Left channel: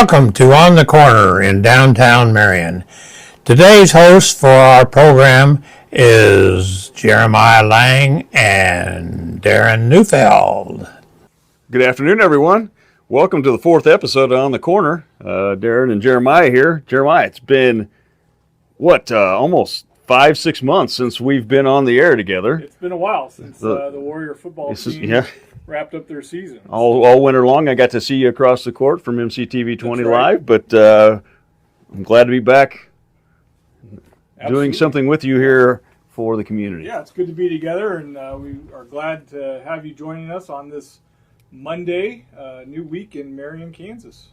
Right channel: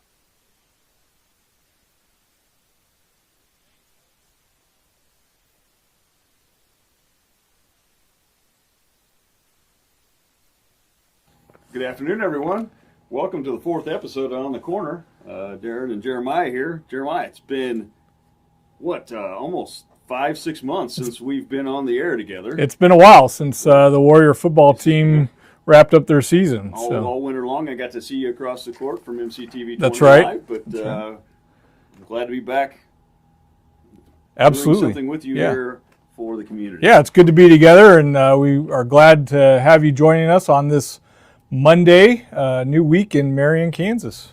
Welcome to On the Corner in downtown Marion. Today's host for our program is Jeremiah Lang and Darren Neufeld. Good afternoon, everyone. Welcome to the fourth episode of On the Corner. Darren and Jeremiah here. Jeremiah, it's been, almost 5-6 months since we've been on the air together. It's been a while since the Warrior football team wrapped up their season. All winter long, I got to see you across the court from MCTV 20 right. Live, but I'm glad to be back doing something with you here for the community. Yeah, it's good to be together, and we are glad to have you joining us on this Monday, new week in Marion, Kansas.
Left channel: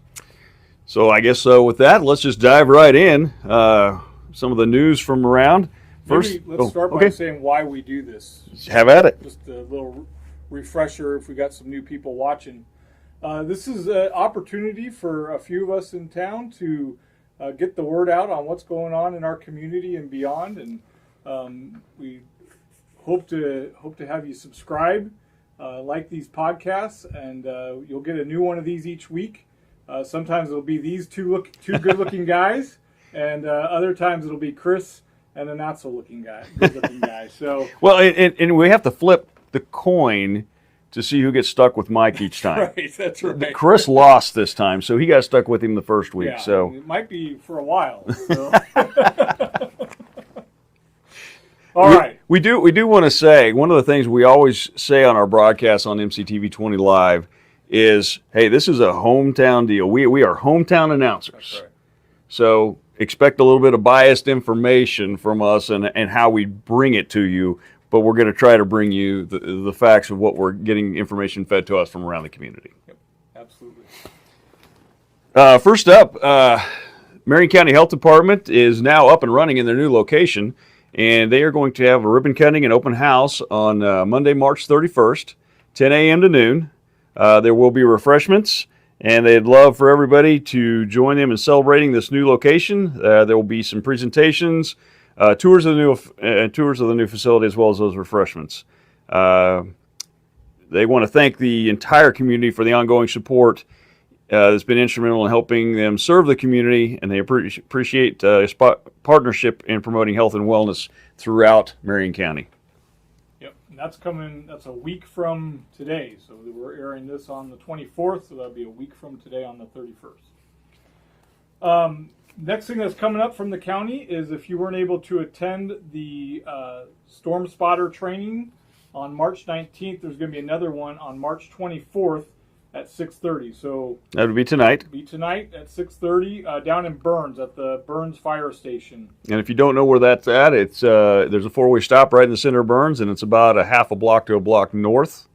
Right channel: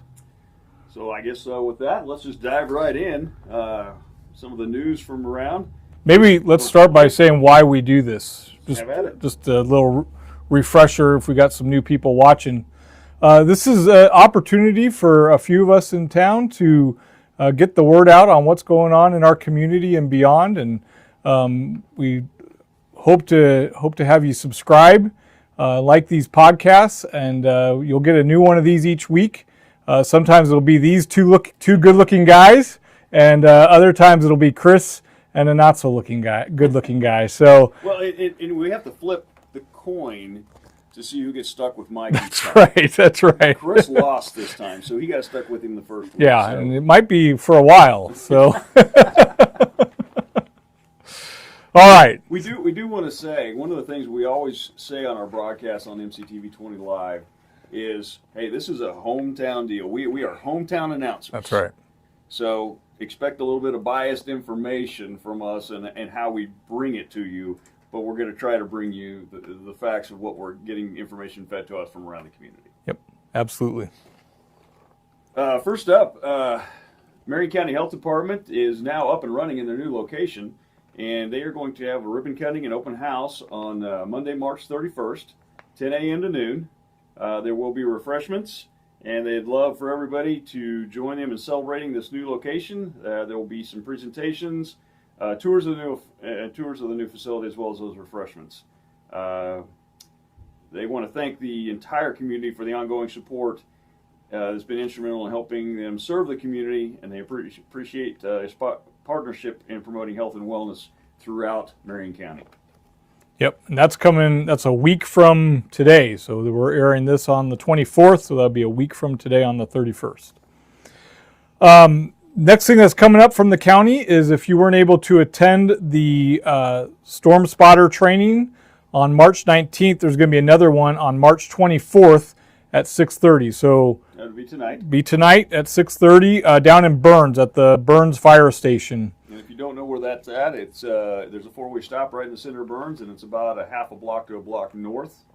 So I guess with that, let's just dive right in. Some of the news from around. Maybe let's start by saying why we do this. Have at it. Just a little refresher if we got some new people watching. This is an opportunity for a few of us in town to get the word out on what's going on in our community and beyond, and we hope to have you subscribe, like these podcasts, and you'll get a new one of these each week. Sometimes it'll be these two good-looking guys, and other times it'll be Chris and a good-looking guy. So and we have to flip the coin to see who gets stuck with Mike each time. That's right. Chris lost this time, so he got stuck with him the first week. Yeah, so. and it might be for a while. So, all right. We do want to say, one of the things we always say on our broadcasts on MCTV 20 Live is, hey, this is a hometown deal. We are hometown announcers. That's right. So expect a little bit of biased information from us and how we bring it to you. But we're going to try to bring you the facts of what we're getting information fed to us from around the community. Yep, absolutely. First up, Marion County Health Department is now up and running in their new location, and they are going to have a ribbon cutting and open house on Monday, March 31st, 10 a.m. to noon. There will be refreshments, and they'd love for everybody to join them in celebrating this new location. There will be some presentations, tours of the new facility, as well as those refreshments. They want to thank the entire community for the ongoing support that's been instrumental in helping them serve the community, and they appreciate partnership in promoting health and wellness throughout Marion County. Yep, and that's a week from today. So we're airing this on the 24th, so that'll be a week from today on the 31st. Next thing that's coming up from the county is if you weren't able to attend the Storm Spotter training on March 19th, there's going to be another one on March 24th at 6:30. So that would be tonight. Be tonight at 6:30 down in Burns at the Burns Fire Station. And if you don't know where that's at, it's there's a four-way stop right in the center of Burns, and it's about a half a block to a block north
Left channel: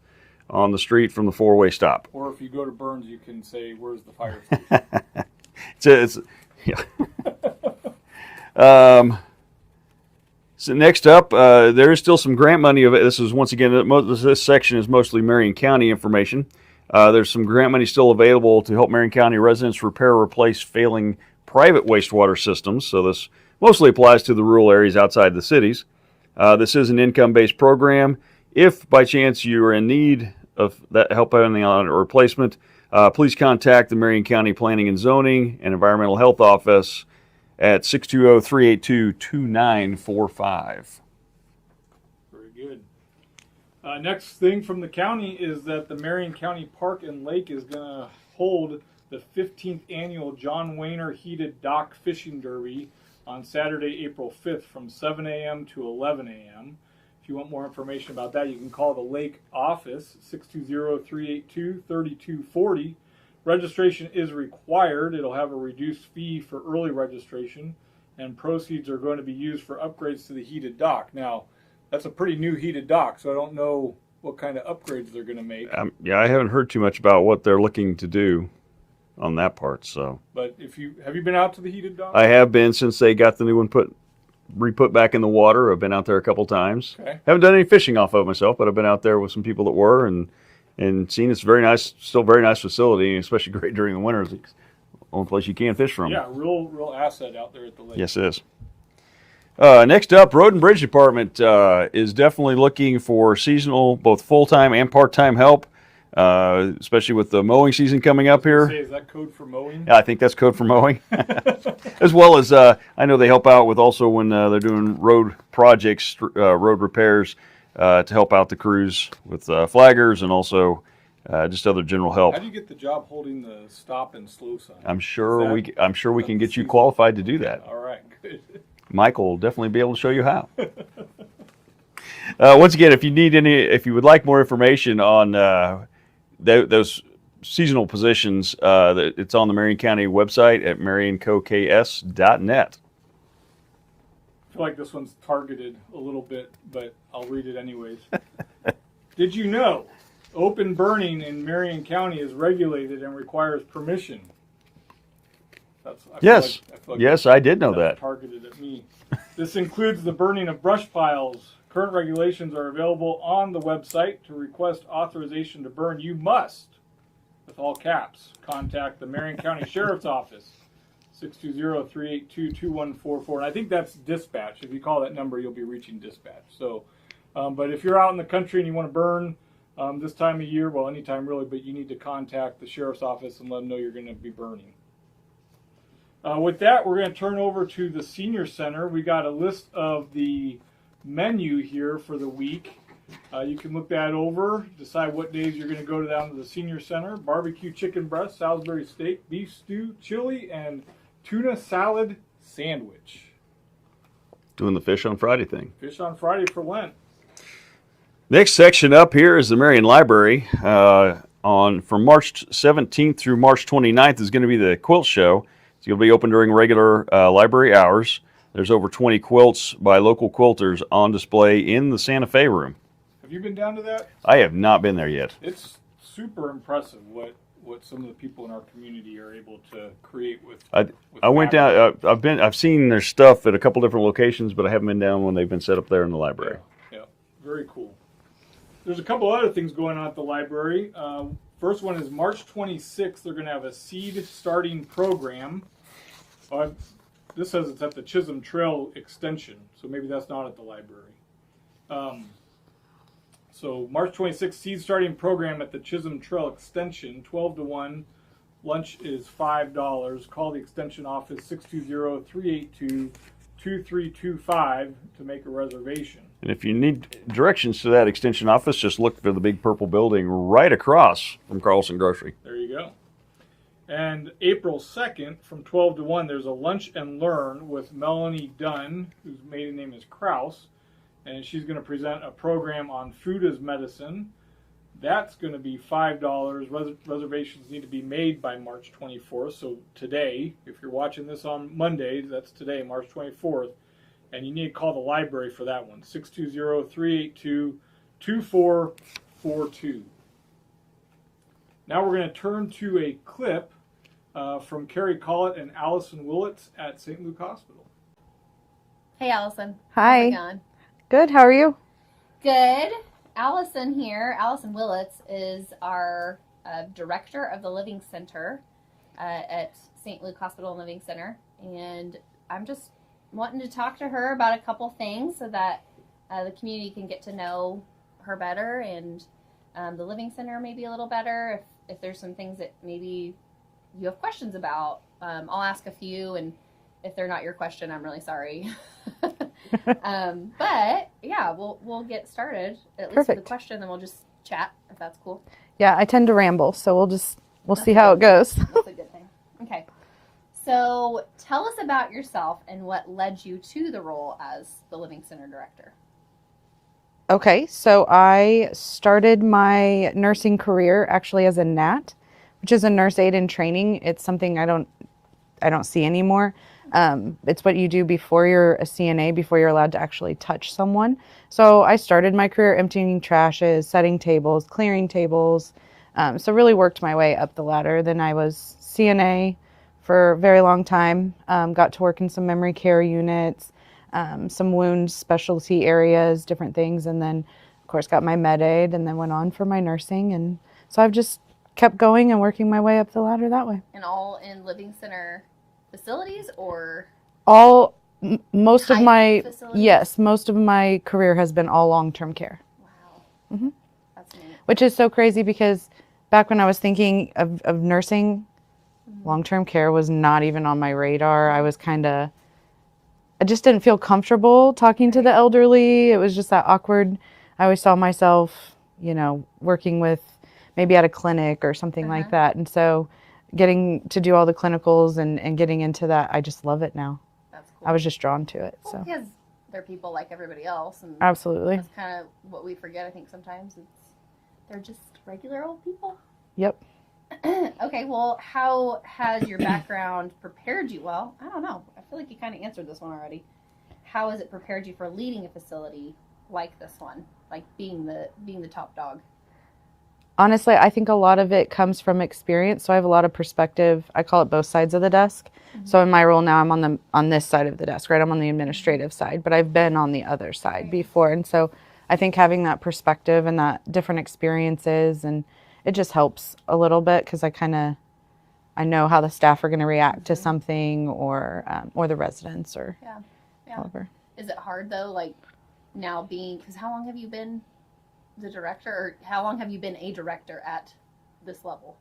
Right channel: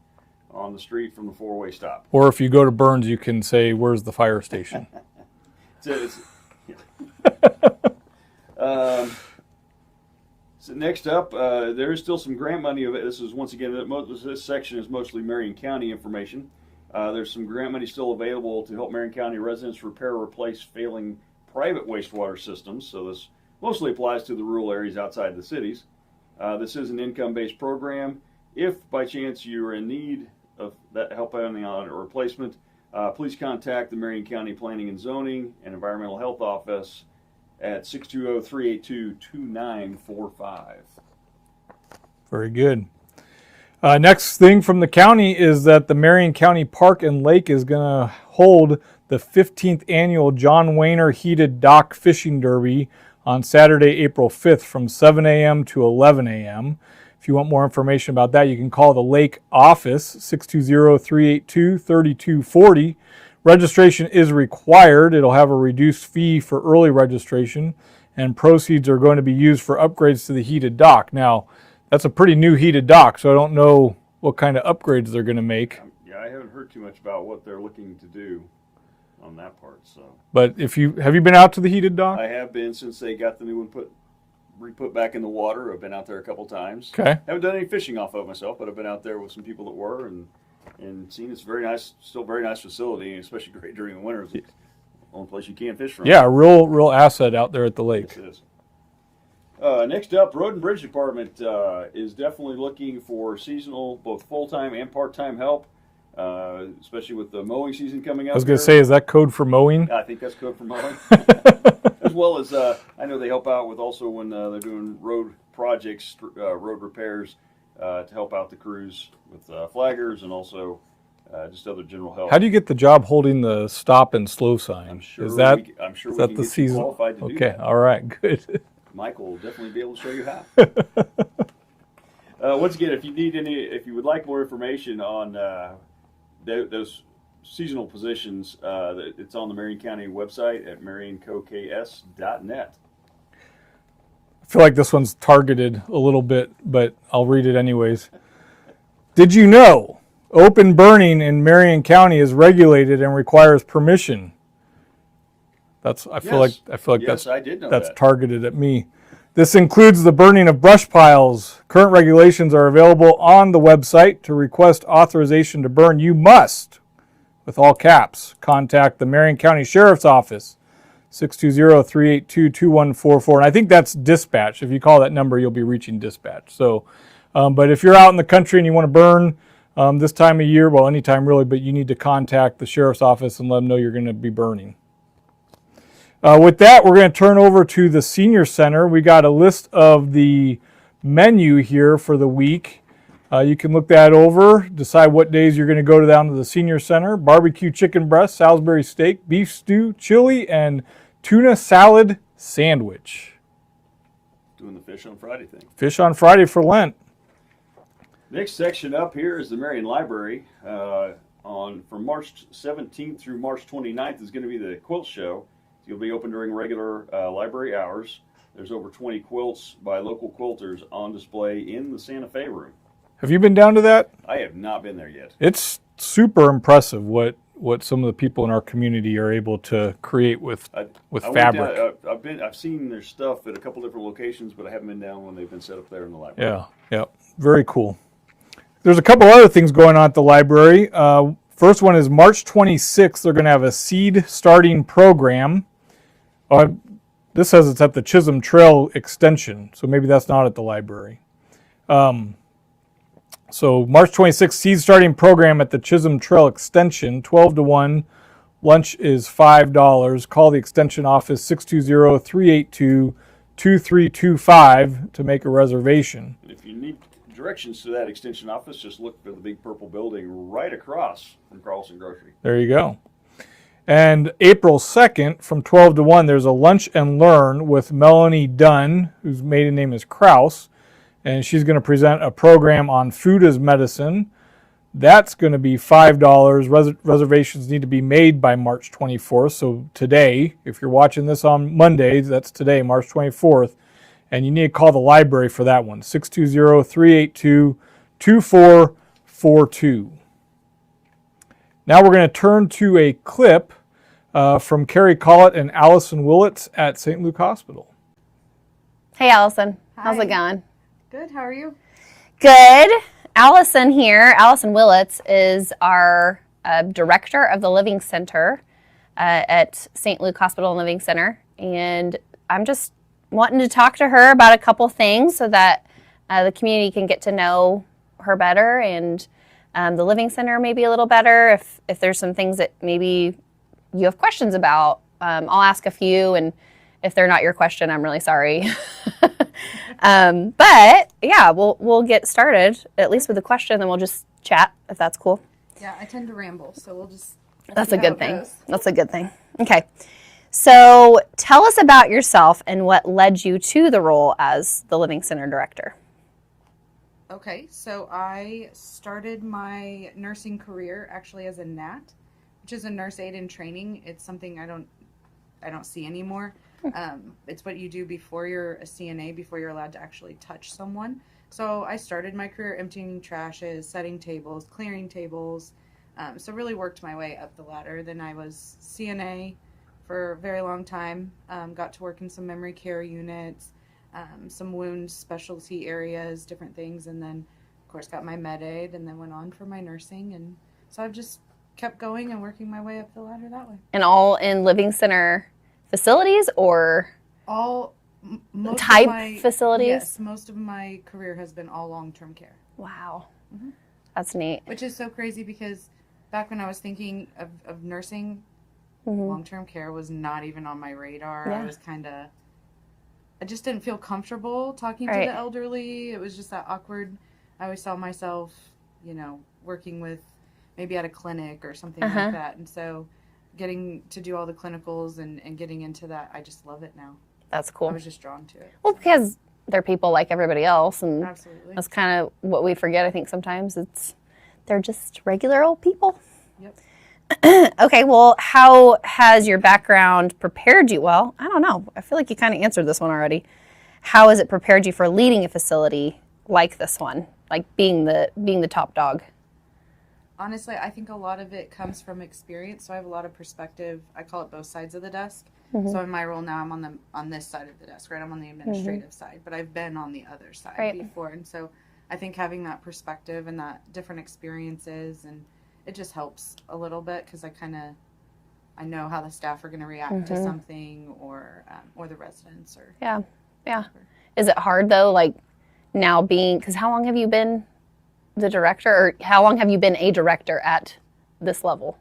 on the street from the four-way stop. Or if you go to Burns, you can say, "Where's the fire station?" Yeah. So next up, there is still some grant money. This is, once again, this section is mostly Marion County information. There's some grant money still available to help Marion County residents repair or replace failing private wastewater systems. So this mostly applies to the rural areas outside the cities. This is an income-based program. If by chance you are in need of that help on a replacement, please contact the Marion County Planning and Zoning and Environmental Health Office at 620-382-2945. Very good. Next thing from the county is that the Marion County Park and Lake is going to hold the 15th annual John Wayner Heated Dock Fishing Derby on Saturday, April 5th from 7 a.m. to 11 a.m. If you want more information about that, you can call the Lake office, 620-382-3240. Registration is required. It'll have a reduced fee for early registration, and proceeds are going to be used for upgrades to the heated dock. Now, that's a pretty new heated dock, so I don't know what kind of upgrades they're going to make. I haven't heard too much about what they're looking to do on that part. So, but have you been out to the heated dock? I have been since they got the new one re-put back in the water. I've been out there a couple times. Okay. Haven't done any fishing off of myself, but I've been out there with some people that were and seen it's very nice, still very nice facility, especially great during the winter. It's the only place you can fish from. Yeah, real asset out there at the lake. Yes, it is. Next up, Road and Bridge Department is definitely looking for seasonal, both full-time and part-time help. especially with the mowing season coming I up was going here. to say, is that code for mowing? I think that's code for mowing. As well as I know they help out with also when they're doing road projects, road repairs, to help out the crews with flaggers and also just other general help. How do you get the job holding the stop and slow sign? I'm sure Is that- we can get you qualified to do Okay, that. all right, good. Michael will definitely be able to show you how. Once again, if you would like more information on those seasonal positions, it's on the Marion County website at marioncoks.net. I feel like this one's targeted a little bit, but I'll read it anyways. Did you know open burning in Marion County is regulated and requires permission? I feel like yes, I did know that's that. targeted at me. This includes the burning of brush piles. Current regulations are available on the website. To request authorization to burn, you must, with all caps, contact the Marion County Sheriff's Office, 620-382-2144. And I think that's dispatch. If you call that number, you'll be reaching dispatch. So, but if you're out in the country and you want to burn this time of year, well, anytime really, but you need to contact the Sheriff's Office and let them know you're going to be burning. With that, we're going to turn over to the Senior Center. We got a list of the menu here for the week. You can look that over, decide what days you're going to go down to the Senior Center. Barbecue chicken breast, Salisbury steak, beef stew, chili, and tuna salad sandwich. Doing the fish on Friday thing. Fish on Friday for Lent. Next section up here is the Marion Library. From March 17th through March 29th is going to be the quilt show. It's going to be open during regular library hours. There's over 20 quilts by local quilters on display in the Santa Fe room. Have you been down to that? I have not been there yet. It's super impressive what some of the people in our community are able to create with I fabric. went down. I've seen their stuff at a couple different locations, but I haven't been down when they've been set up there in the library. Yeah, very cool. There's a couple other things going on at the library. First one is March 26th. They're going to have a seed starting program. This says it's at the Chisholm Trail Extension, so maybe that's not at the library. So March 26th, seed starting program at the Chisholm Trail Extension, 12 to 1. Lunch is $5. Call the extension office, 620-382-2325 to make a reservation. And if you need directions to that extension office, just look for the big purple building right across from Carlson Grocery. There you go. And April 2nd, from 12 to 1, there's a lunch and learn with Melanie Dunn, whose maiden name is Kraus, and she's going to present a program on food as medicine. That's going to be $5. Reservations need to be made by March 24th, so today, if you're watching this on Monday, that's today, March 24th, and you need to call the library for that one, 620-382-2442. Now we're going to turn to a clip from Carrie Collett and Allison Willits at St. Luke Hospital. Hey, Allison. Hi. How's it going? Good. How are you? Good. Allison here, Allison Willits, is our director of the Living Center at St. Luke Hospital and Living Center. And I'm just wanting to talk to her about a couple things so that the community can get to know her better and the Living Center maybe a little better. If there's some things that maybe you have questions about, I'll ask a few, and if they're not your question, I'm really sorry. But yeah, we'll get started at least with a question, then we'll just chat if that's cool. Yeah, I tend to ramble, so we'll That's see a how good it goes. thing. That's a good thing. Okay. So tell us about yourself and what led you to the role as the Living Center director. Okay, so I started my nursing career actually as a NAT, which is a nurse aide in training. It's something I don't see anymore. It's what you do before you're a CNA, before you're allowed to actually touch someone. So I started my career emptying trashes, setting tables, clearing tables. So really worked my way up the ladder. Then I was CNA for a very long time. Got to work in some memory care units, some wound specialty areas, different things. And then, of course, got my med aid and then went on for my nursing. And so I've just kept going and working my way up the ladder that way. And all in Living Center facilities or Most type of my facilities? Yes, most of my career has been all long-term care. Wow. Mm-hmm. That's neat. Which is so crazy because back when I was thinking of nursing, long-term care was not even on my radar. I was I just didn't feel comfortable talking to Right. the elderly. It was just that awkward. I always saw myself, working with maybe at a clinic or something like that. And so getting to do all the clinicals and getting into that, I just love it now. That's cool. I was just drawn to it. Well, so. because they're people like everybody else, and Absolutely. that's kind of what we forget. I think sometimes they're just regular old people. Yep. Okay, well, how has your background prepared you? Well, I don't know. I feel like you kind of answered this one already. How has it prepared you for leading a facility like this one, like being the top dog? Honestly, I think a lot of it comes from experience. So I have a lot of perspective. I call it both sides of the desk. So in my role now, I'm on this side of the desk, right? I'm on the administrative side, but I've been on the other side before. And so I think having that perspective and that different experiences, and it just helps a little bit because I know how the staff are going to react to something or the residents or Yeah. whatever. Is it hard though, like now because how long have you been the director, or how long have you been a director at this level?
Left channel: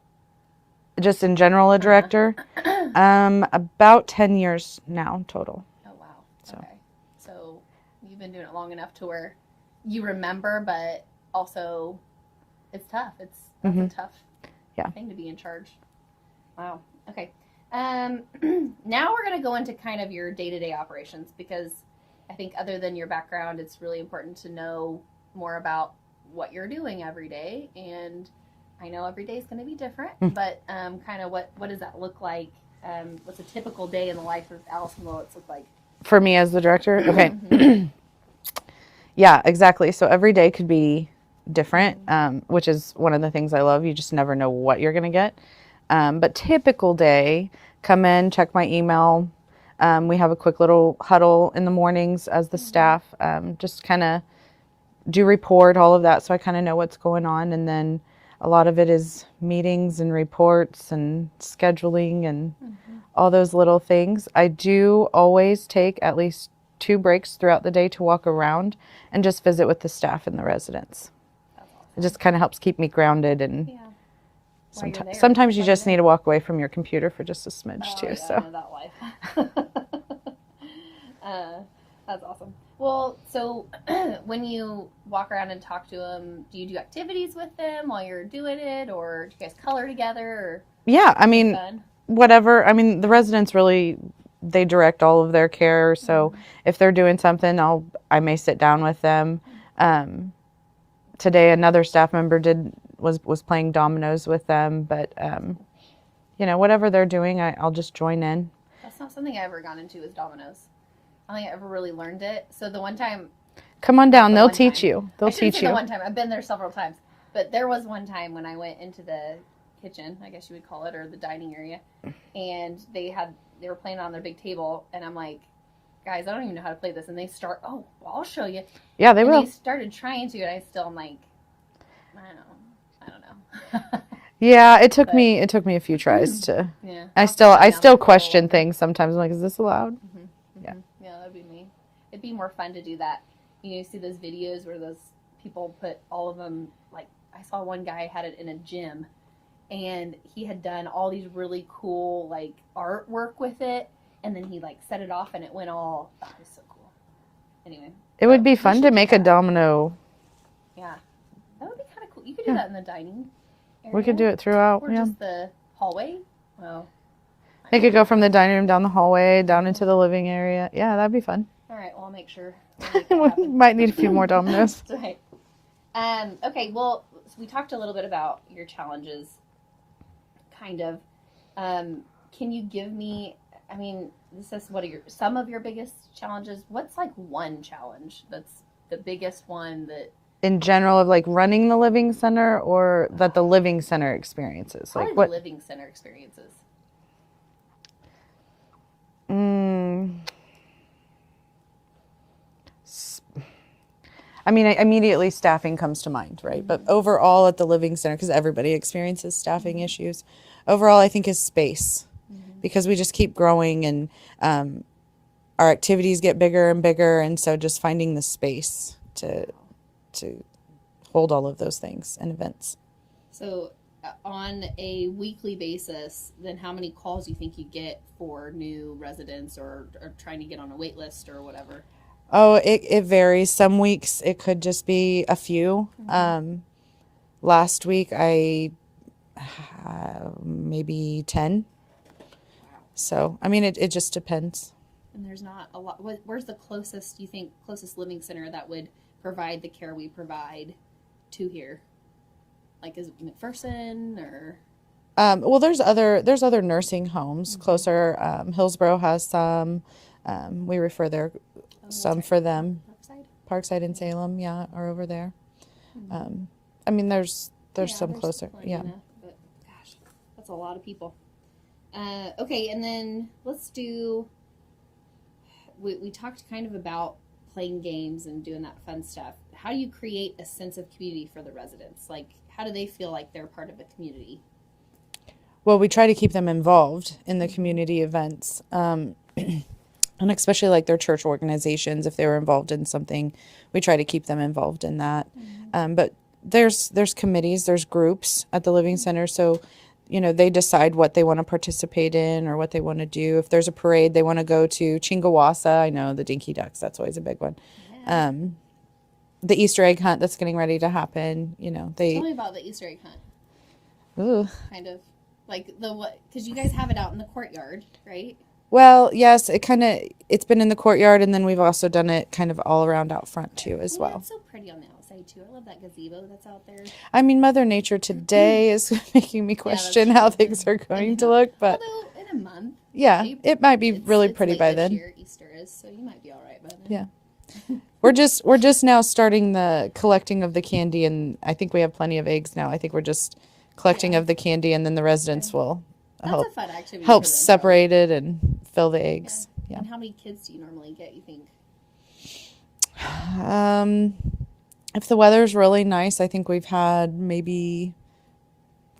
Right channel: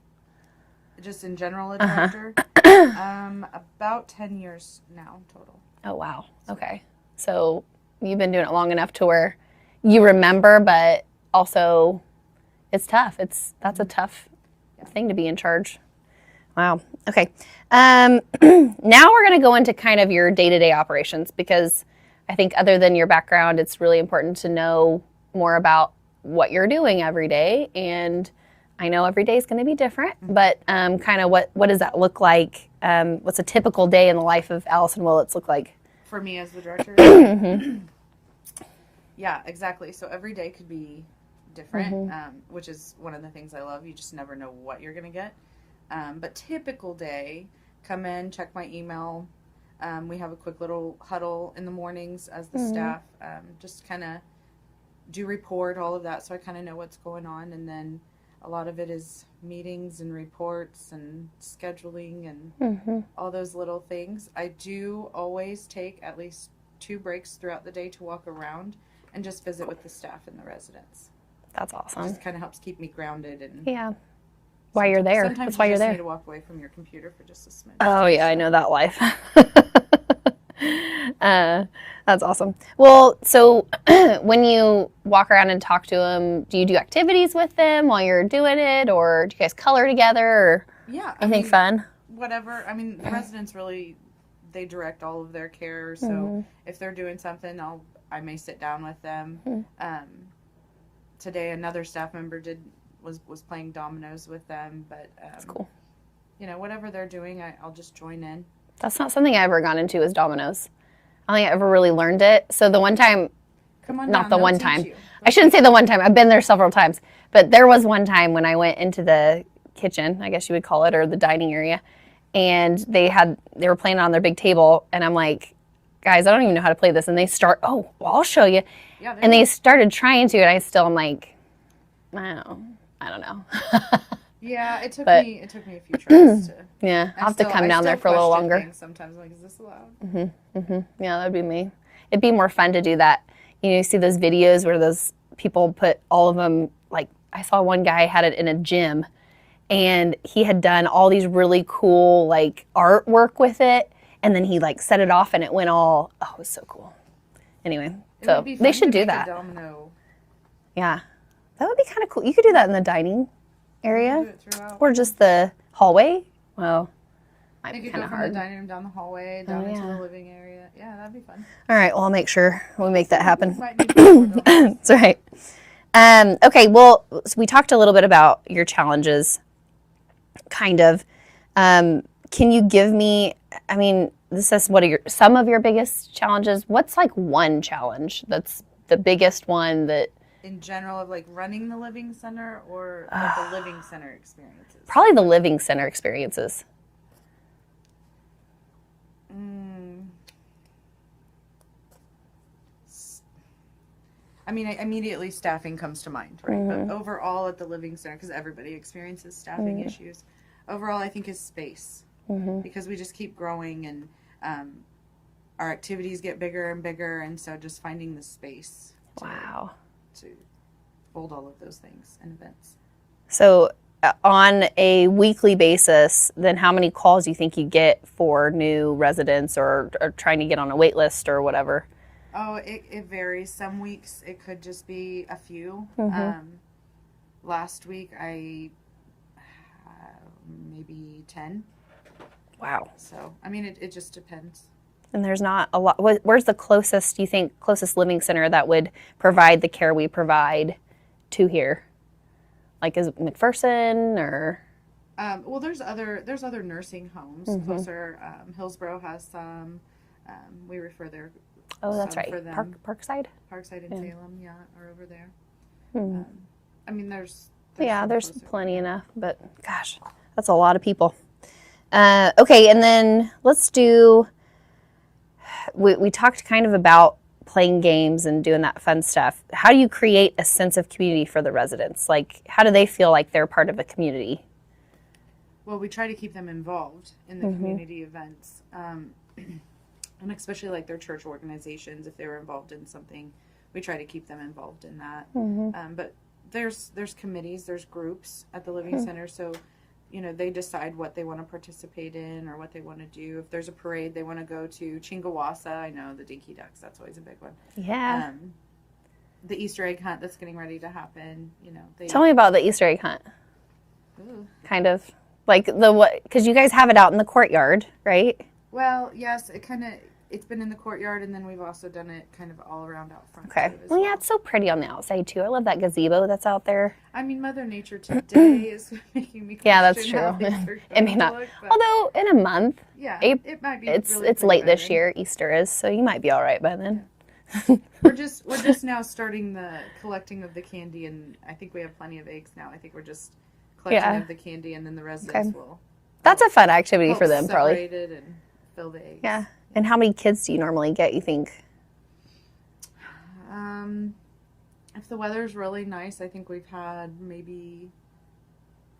Just in general, a director, about 10 years now total. Oh, wow. Okay. So you've been doing it long enough to where you remember, but also it's tough. That's a tough thing to be in charge. Wow. Okay. Now we're going to go into kind of your day-to-day operations, because I think other than your background, it's really important to know more about what you're doing every day. And I know every day is going to be different, but kind of what does that look like? What's a typical day in the life of Allison Willits look like? For me as the director? Okay. Yeah, exactly. So every day could be different, which is one of the things I love. You just never know what you're going to get. But typical day, come in, check my email. We have a quick little huddle in the mornings as the staff, just kind of do report, all of that, so I kind of know what's going on. And then a lot of it is meetings and reports and scheduling and all those little things. I do always take at least 2 breaks throughout the day to walk around and just visit with the staff and the residents. That's awesome. It just kind of helps keep me grounded. And yeah. While you're there. Sometimes you While you're just there. need to walk away from your computer for just a smidge. Oh, too, yeah, I so. know that life. That's awesome. Well, so when you walk around and talk to them, do you do activities with them while you're doing it, or do you guys color together? Or Yeah, I mean, fun? whatever. I mean, the residents really, they direct all of their care. So if they're doing something, I may sit down with them. Today, another staff member was playing dominoes with them, but Cool. Whatever they're doing, I'll just join in. That's not something I ever got into, is dominoes. I don't think I ever really learned it. So the one time, Come on not down, the they'll one teach time. you. I shouldn't say the one time. I've been there several times, but there was one time when I went into the kitchen, I guess you would call it, or the dining area, and they were playing on their big table, and I'm like, guys, I don't even know how to play this. And they start, oh, well, I'll show you. Yeah, And they started trying to, and I am like, I don't know. Yeah, it took me a few tries to. Yeah. I I'll have to come still down there for a little question longer. things sometimes. I'm like, is this allowed? Yeah, that'd be me. It'd be more fun to do that. You see those videos where those people put all of them, like I saw one guy had it in a gym, and he had done all these really cool like artwork with it, and then he like set it off and it went all, oh, it was so cool. Anyway. It would be fun to do make a that. domino. Yeah. That would be kind of cool. You could do that in the dining We area. could do it throughout. Or yeah. just the hallway. Well, They could go from the dining room down the hallway, down into the living area. Yeah, that'd be fun. all right, well, I'll make sure we'll make that happen. Might need a few more dominoes. That's right. Okay, well, so we talked a little bit about your challenges, kind of. Can you give me, I mean, this says some of your biggest challenges. What's like one challenge that's the biggest one that? In general, of like running the living center, or that the living center experiences? Probably Like, the what- living center experiences. I mean, immediately staffing comes to mind, right? But overall at the living center, because everybody experiences staffing issues, overall I think is space, because we just keep growing, and our activities get bigger and bigger, and so just finding the space to Wow. hold all of those things and events. So on a weekly basis, then how many calls do you think you get for new residents or trying to get on a wait list or whatever? Oh, it varies. Some weeks it could just be a few. Last week I maybe 10. Wow. So, I mean, it just depends. And there's not a lot. Where's the closest, do you think, closest living center that would provide the care we provide to here? Like, is it McPherson or? Well, there's other nursing homes closer. Hillsborough has some. We refer there That's some right. for them. Parkside? Parkside and Salem, yeah, are over there. I mean, there's Yeah, some there's closer. plenty yeah. enough, but gosh, that's a lot of people. Okay, and then let's do, we talked kind of about playing games and doing that fun stuff. How do you create a sense of community for the residents? Like, how do they feel like they're part of a community? Well, we try to keep them involved in the community events, and especially like their church organizations. If they were involved in something, we try to keep them involved in that. But there's committees, there's groups at the Living Center, so they decide what they want to participate in or what they want to do. If there's a parade they want to go to, Chingawassa, I know the Dinky Ducks, that's always a big one. Yeah. The Easter egg hunt that's getting ready to happen, they. Tell me about the Easter egg hunt. Ooh. Kind of like because you guys have it out in the courtyard, right? Well, yes, it's been in the courtyard, and then we've also done it kind of all around out front too as well. Yeah, it's so pretty on the outside too. I love that gazebo that's out there. I mean, Mother Nature today is making me Yeah, that's question how true. things are It may going to not- look, but Although in a month, yeah, it might be it's really pretty late by this then. year. Easter is, so you might be all right by then. Yeah. We're just now starting the collecting of the candy, and I think we have plenty of eggs now. I think we're just collecting Yeah. of the candy, and then the residents will That's a fun activity help for them. separate it and fill the eggs. Yeah. And how many kids do you normally get, you think? If the weather's really nice, I think we've had maybe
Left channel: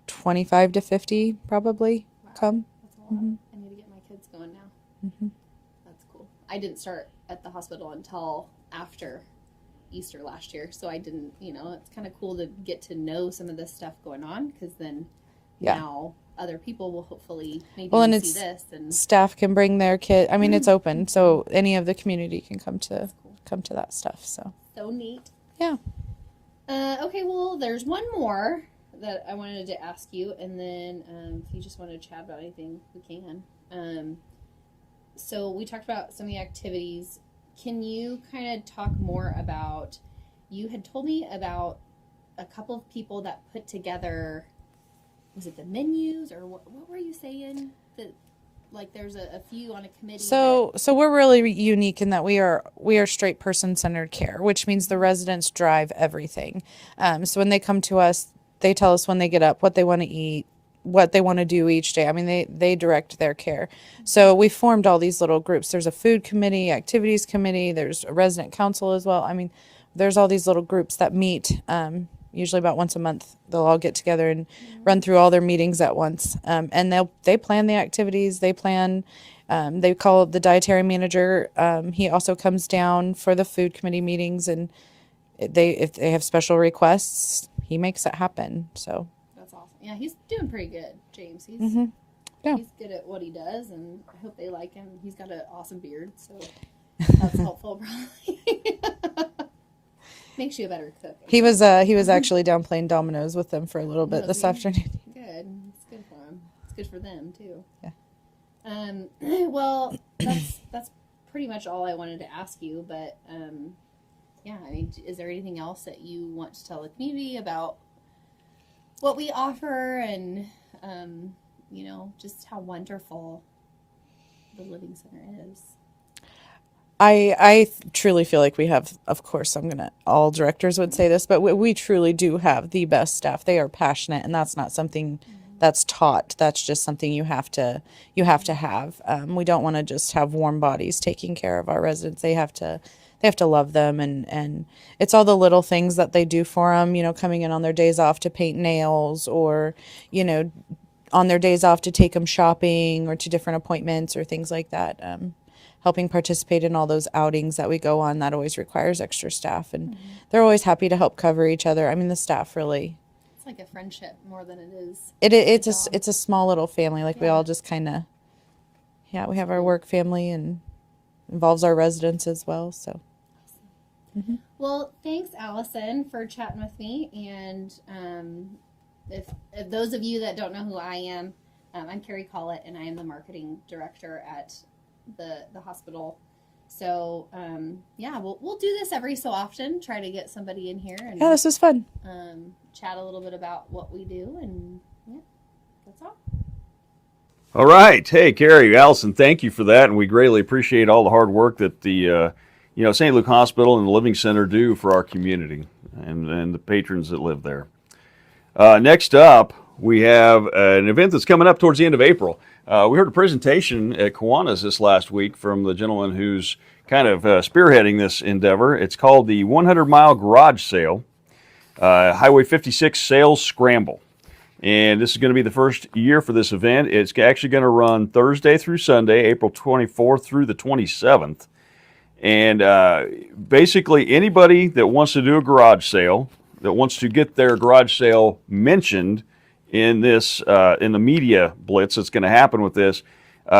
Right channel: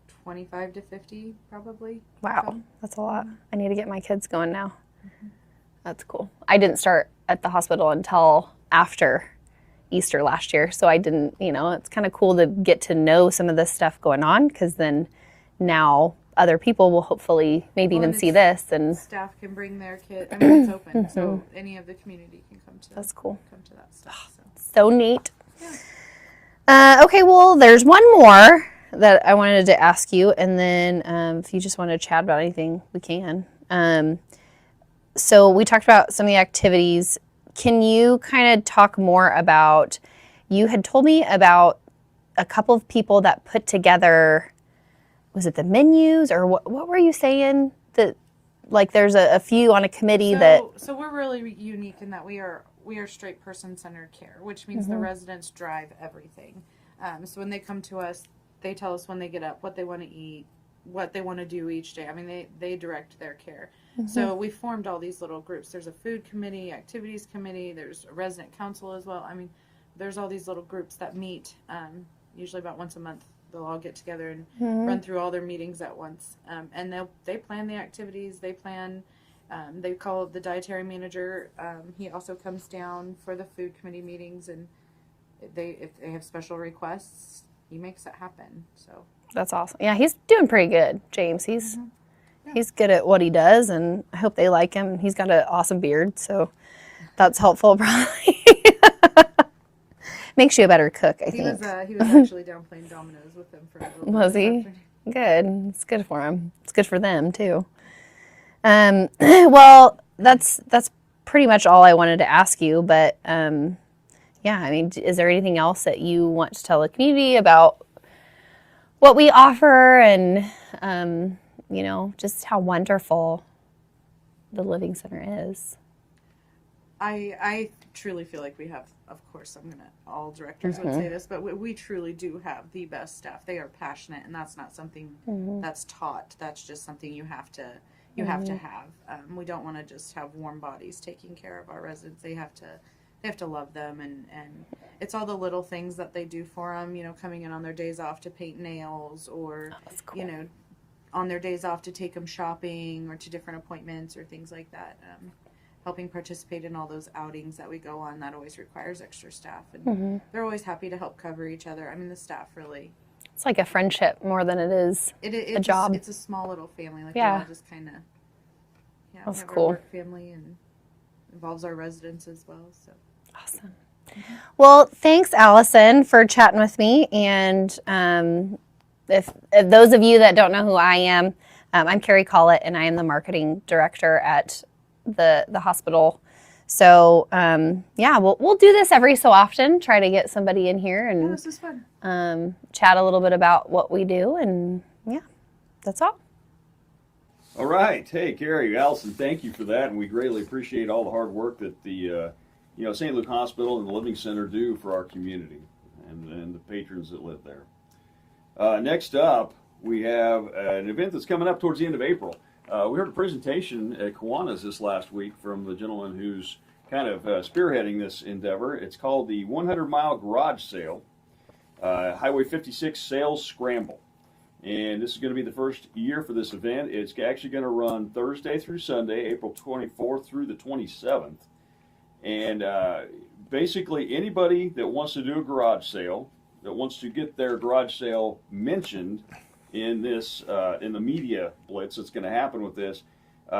25 to 50 probably. Wow, come. that's a lot. I need to get my kids going now. That's cool. I didn't start at the hospital until after Easter last year, so I didn't, it's kind of cool to get to know some of this stuff going on, because then now other people will hopefully maybe Well, even and see this. And Staff can bring their kid. I mean, it's open, so any of the community can come to That's cool. come to that stuff. So neat. Yeah. Okay, well, there's one more that I wanted to ask you, and then if you just want to chat about anything, we can. So we talked about some of the activities. Can you kind of talk more about, you had told me about a couple of people that put together, was it the menus, or what were you saying? That like there's a few on a committee So we're really unique in that we are straight person-centered care, which means the residents drive everything. So when they come to us, they tell us when they get up what they want to eat, what they want to do each day. I mean, they direct their care. So we formed all these little groups. There's a food committee, activities committee, there's a resident council as well. I mean, there's all these little groups that meet usually about once a month. They'll all get together and run through all their meetings at once. And they plan the activities. They plan, they call the dietary manager. He also comes down for the food committee meetings, and if they have special requests, he makes it happen. So that's awesome. Yeah, he's doing pretty good, James. He's Yeah. he's good at what he does, and I hope they like him. He's got an awesome beard, so that's helpful probably. Makes you a better cook. I he think. was actually down playing dominoes with them for a little bit Was this he? afternoon. Good. It's good for him. It's good for them too. Well, that's pretty much all I wanted to ask you. But yeah, I mean, is there anything else that you want to tell the community about what we offer, and just how wonderful the Living Center is? I truly feel like we have, of course, all directors would Mm-hmm. say this, but we truly do have the best staff. They are passionate, and that's not something that's taught. That's just something you have to have. We don't want to just have warm bodies taking care of our residents. They have to love them, and it's all the little things that they do for them, coming in on their days off to paint nails, or, on their days off to take them shopping or to different appointments or things like that. Helping participate in all those outings that we go on, that always requires extra staff, and they're always happy to help cover each other. I mean, the staff really It's like a friendship more than it is It's a job. it's a small little family. Like we Yeah. all just kind of, we That's have our cool. work family and involves our residents as well. So Awesome. Well, thanks, Allison, for chatting with me. And if those of you that don't know who I am, I'm Carrie Collett, and I am the marketing director at the hospital. So yeah, we'll do this every so often. Try to get somebody in here and yeah, this was fun. chat a little bit about what we do. And yeah, that's all. All right. Hey, Carrie, Allison, thank you for that. And we greatly appreciate all the hard work that the St. Luke Hospital and the Living Center do for our community and the patrons that live there. Next up, we have an event that's coming up towards the end of April. We heard a presentation at Kiwanis this last week from the gentleman who's kind of spearheading this endeavor. It's called the 100-Mile Garage Sale, Highway 56 Sales Scramble. And this is going to be the first year for this event. It's actually going to run Thursday through Sunday, April 24th through the 27th. And basically anybody that wants to do a garage sale, that wants to get their garage sale mentioned in this in the media blitz that's going to happen with this,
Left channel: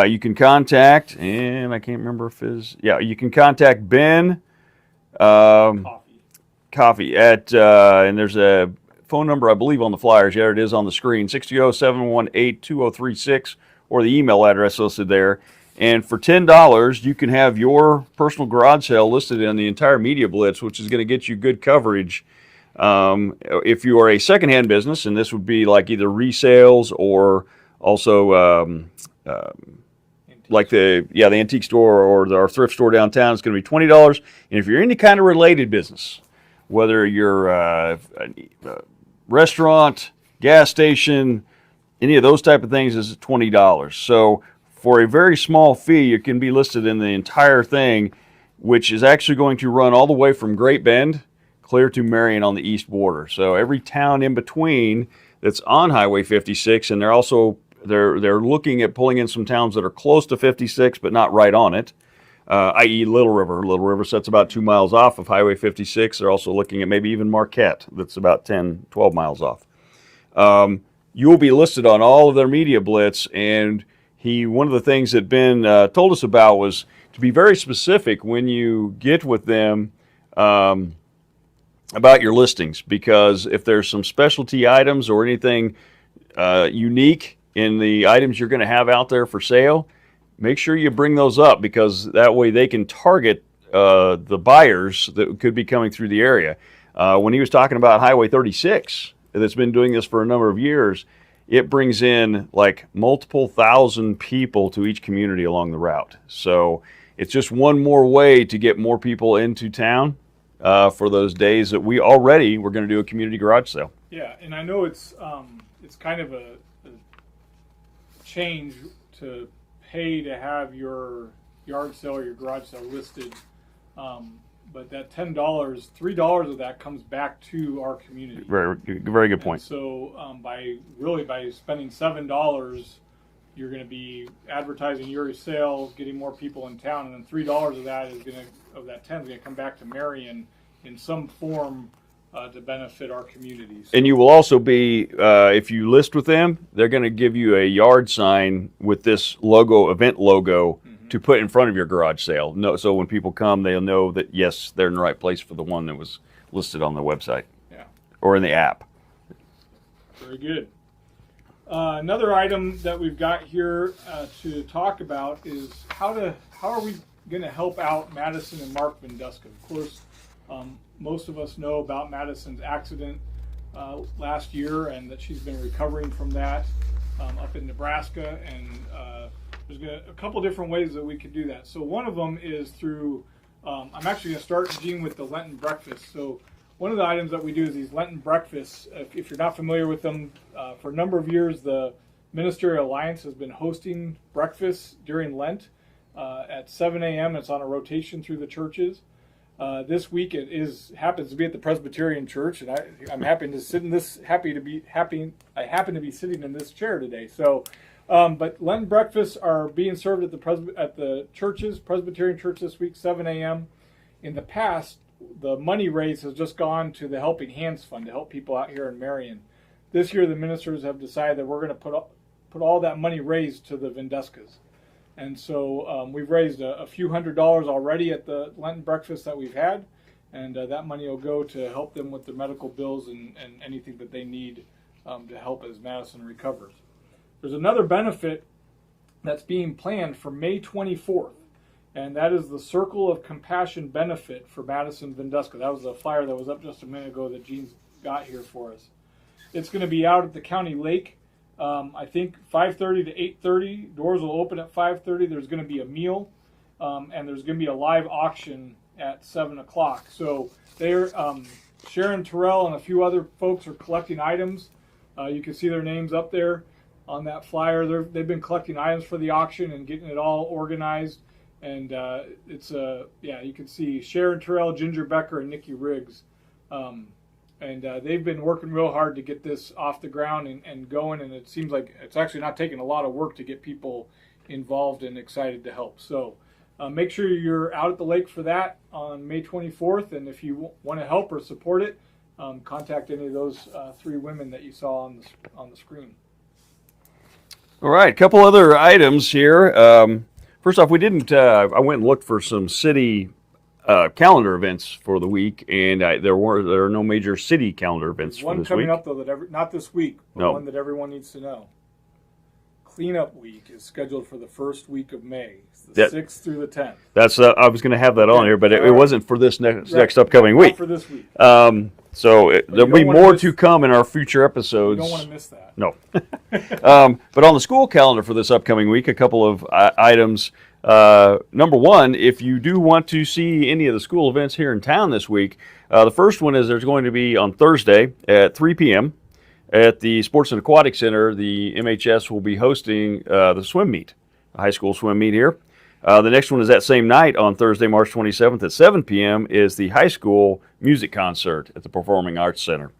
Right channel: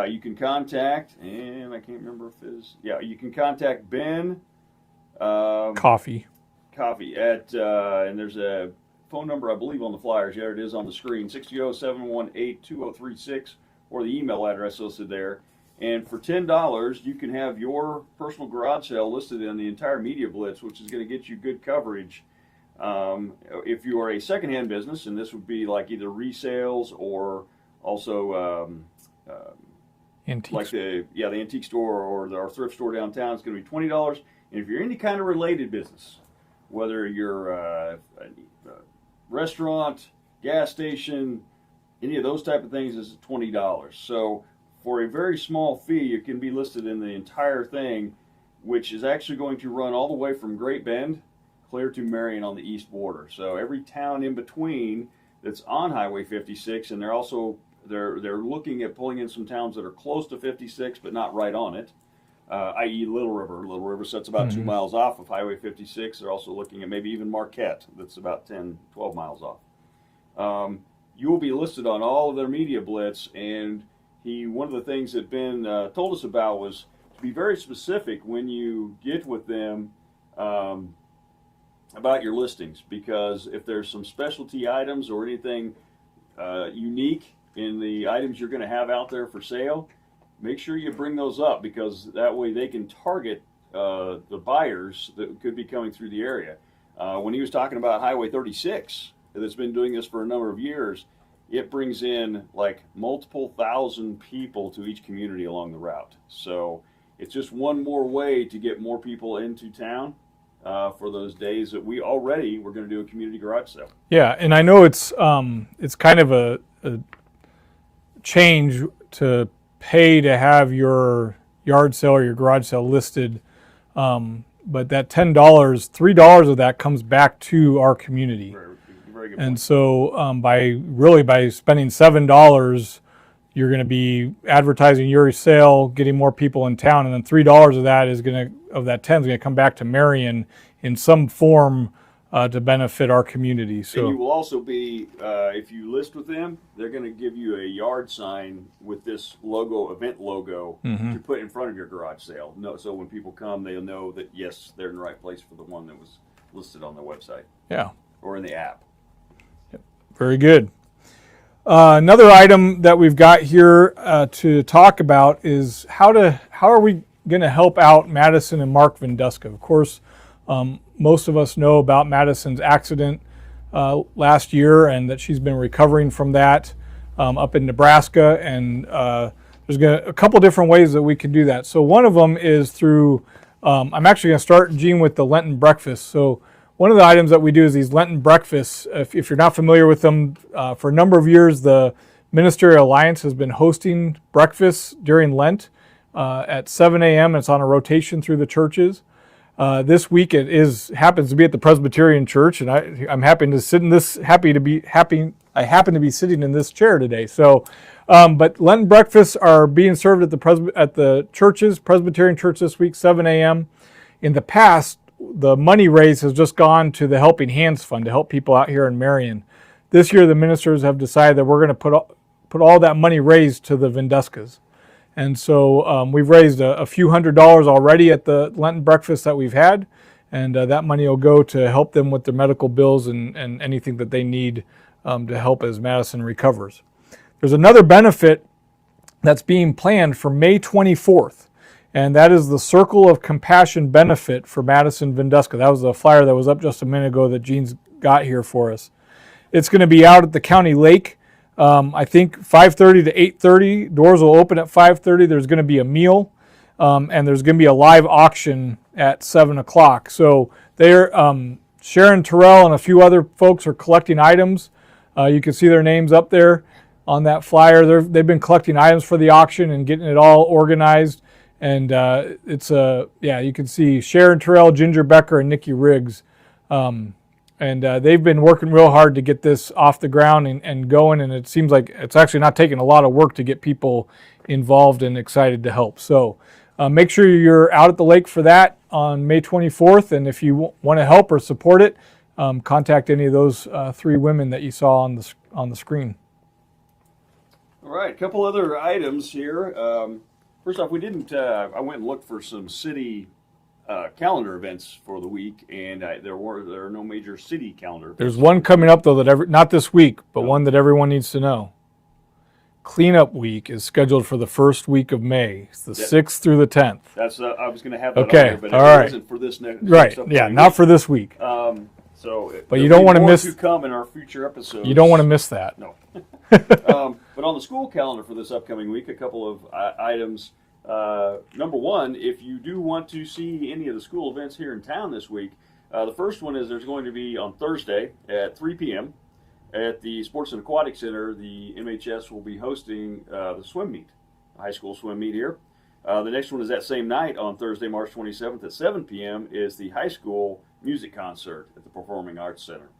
you can contact, and I can't remember if you can contact Ben Coffee. at and there's a phone number I believe on the flyers. Yeah, it is on the screen, 620-718-2036, or the email address listed there. And for $10, you can have your personal garage sale listed in the entire media blitz, which is going to get you good coverage. If you are a secondhand business, and this would be like either resales or also Antiques. like the antique store or our thrift store downtown, it's going to be $20. And if you're any kind of related business, whether you're a restaurant, gas station, any of those type of things, is $20. So for a very small fee, it can be listed in the entire thing, which is actually going to run all the way from Great Bend clear to Marion on the east border. So every town in between that's on Highway 56, and they're looking at pulling in some towns that are close to 56 but not right on it, i.e. Little River. Little River sits about 2 miles off of Highway 56. They're also looking at maybe even Marquette, that's about 10, 12 miles off. You will be listed on all of their media blitz, and one of the things that Ben told us about was to be very specific when you get with them about your listings, because if there's some specialty items or anything unique in the items you're going to have out there for sale, make sure you bring those up, because that way they can target the buyers that could be coming through the area. When he was talking about Highway 36, that's been doing this for a number of years, it brings in like multiple thousand people to each community along the route. So it's just one more way to get more people into town for those days that we're going to do a community garage sale. Yeah, and I know it's kind of a change to pay to have your yard sale or your garage sale listed, but that $10, $3 of that comes back to our community. Very, very good point. And so by spending $7, you're going to be advertising your sale, getting more people in town, and then $3 of that that 10 is going to come back to Marion in some form to benefit our community. So, and you will also be, if you list with them, they're going to give you a yard sign with this event logo, to put in front of your garage sale. So when people come, they'll know that, yes, they're in the right place for the one that was listed on the website. Yeah. Or in the app. Very good. Another item that we've got here to talk about is how are we going to help out Madison and Mark Vinduska. Of course, most of us know about Madison's accident last year, and that she's been recovering from that up in Nebraska. And there's a couple different ways that we can do that. So one of them is through, I'm actually going to start, Gene, with the Lenten breakfast. So one of the items that we do is these Lenten breakfasts. If you're not familiar with them, for a number of years, the Ministerial Alliance has been hosting breakfasts during Lent at 7 a.m. It's on a rotation through the churches. This week happens to be at the Presbyterian Church, and I'm happy to sit in this. I happen to be sitting in this chair today. So, but Lenten breakfasts are being served at the churches. Presbyterian Church this week, 7 a.m. In the past, the money raised has just gone to the Helping Hands Fund to help people out here in Marion. this year the ministers have decided that we're going to put all that money raised to the Venduskas. And so we've raised a few $100s already at the Lenten breakfast that we've had, and that money will go to help them with their medical bills and anything that they need to help as Madison recovers. There's another benefit that's being planned for May 24th, and that is the Circle of Compassion benefit for Madison Venduska. That was the flyer that was up just a minute ago that Gene's got here for us. It's going to be out at the county lake. I think 5:30 to 8:30. Doors will open at 5:30. There's going to be a meal, and there's going to be a live auction at 7 o'clock. So they're Sharon Terrell and a few other folks are collecting items. You can see their names up there on that flyer. They've been collecting items for the auction and getting it all organized. And you can see Sharon Terrell, Ginger Becker, and Nikki Riggs. They've been working real hard to get this off the ground and going, and it seems like it's actually not taking a lot of work to get people involved and excited to help. So make sure you're out at the lake for that on May 24th, and if you want to help or support it, contact any of those three women that you saw on the screen. All right, a couple other items here. First off, we didn't. I went and looked for some city calendar events for the week, and there are no major city calendar events. There's one coming up though that not this week, but No. one that everyone needs to know. Cleanup Week is scheduled for the first week of May. It's the 6th through the 10th. That's I was going to have that Okay, on here, but it all right. wasn't for this next upcoming Not week. for this week. So you there'll don't be wanna more miss- to come in our future episodes. You don't want to miss that. No. But on the school calendar for this upcoming week, a couple of items. Number one, if you do want to see any of the school events here in town this week, the first one is there's going to be on Thursday at 3 p.m. at the Sports and Aquatic Center. The MHS will be hosting the swim meet, the high school swim meet here. The next one is that same night on Thursday, March 27th at 7 p.m. is the high school music concert at the Performing Arts Center.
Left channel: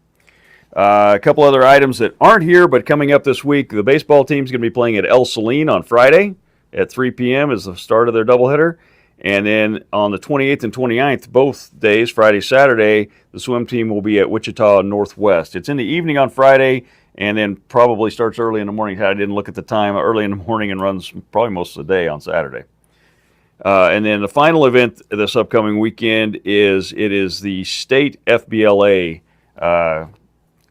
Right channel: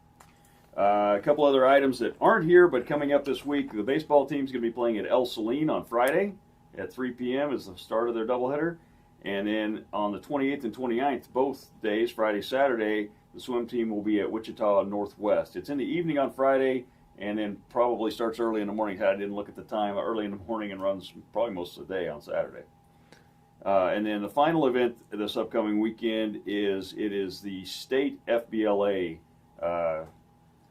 A couple other items that aren't here but coming up this week. The baseball team's going to be playing at El Saline on Friday at 3 p.m. is the start of their doubleheader. And then on the 28th and 29th, both days, Friday, Saturday, the swim team will be at Wichita Northwest. It's in the evening on Friday and then probably starts early in the morning. I didn't look at the time, early in the morning, and runs probably most of the day on Saturday. And then the final event this upcoming weekend is the state FBLA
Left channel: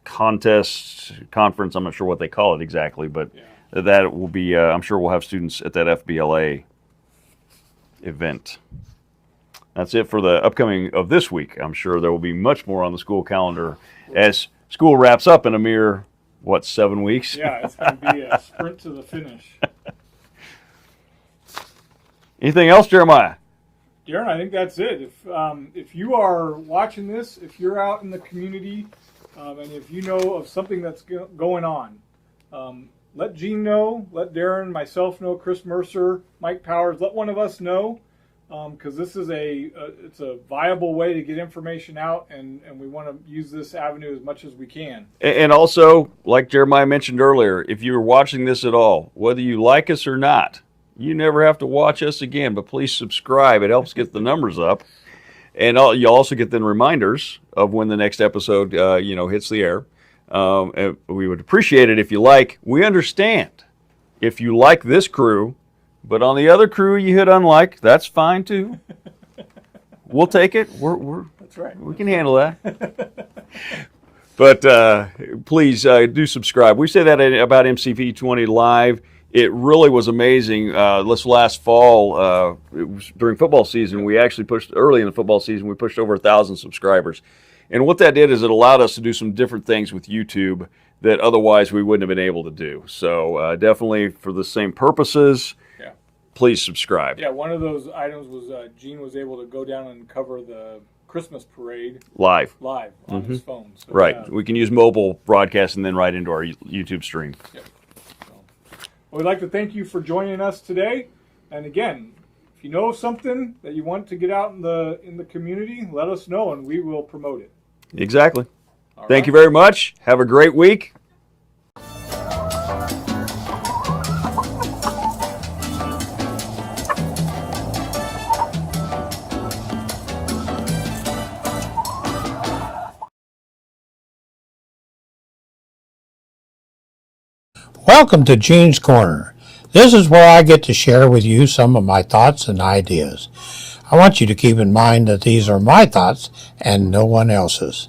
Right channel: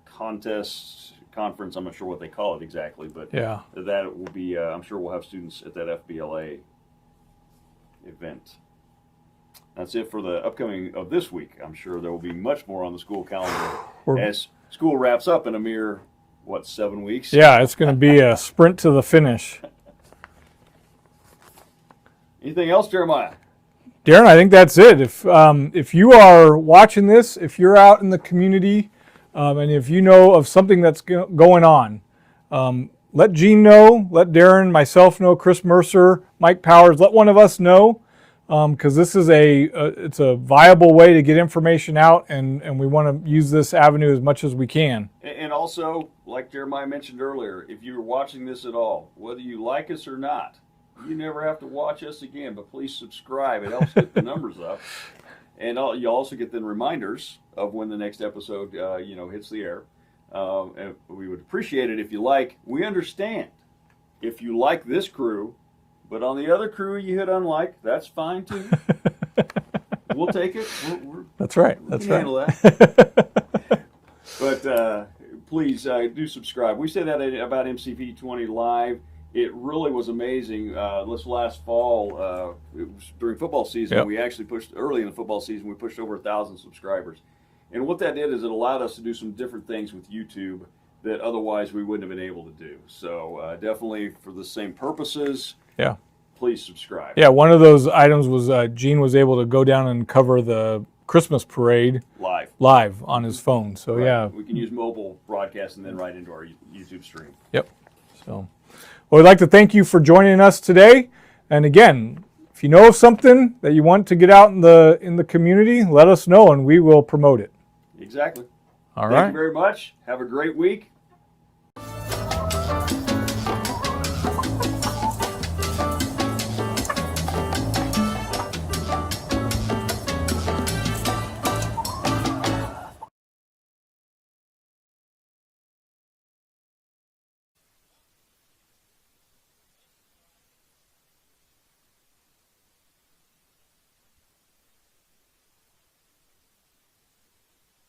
conference. I'm not sure what they call it exactly, but Yeah. that will be, I'm sure we'll have students at that FBLA event. That's it for the upcoming of this week. I'm sure there will be much more on the school calendar as school wraps up in a mere, 7 weeks? Yeah, it's going to be a sprint to the finish. Anything else, Jeremiah? Darren, I think that's it. If you are watching this, if you're out in the community, and if you know of something that's going on, let Gene know, let Darren, myself know, Chris Mercer, Mike Powers, let one of us know, because this is it's a viable way to get information out, and we want to use this avenue as much as we can. And also, like Jeremiah mentioned earlier, if you're watching this at all, whether you like us or not, you never have to watch us again, but please subscribe. It helps get the numbers up. And you also get then reminders of when the next episode, hits the air. And we would appreciate it if you like. We understand if you like this crew, but on the other crew you hit unlike, that's fine too. We'll take it. That's right. We can handle that. But please do subscribe. We say that about MCV 20 Live. It really was amazing. This last fall, it was during football season, Yep. we actually pushed, early in the football season, we pushed over 1,000 subscribers. And what that did is it allowed us to do some different things with YouTube that otherwise we wouldn't have been able to do. So definitely for the same purposes, Yeah. please subscribe. Yeah, one of those items was Gene was able to go down and cover the Christmas parade Live. on his phone. So Right. yeah, We can use mobile broadcast and then right into our YouTube stream. Yep. So, well, we'd like to thank you for joining us today. And again, if you know of something that you want to get out in the community, let us know and we will promote it. Exactly. All Thank right. you very much. Have a great week. Welcome to Gene's Corner. This is where I get to share with you some of my thoughts and ideas. I want you to keep in mind that these are my thoughts and no one else's.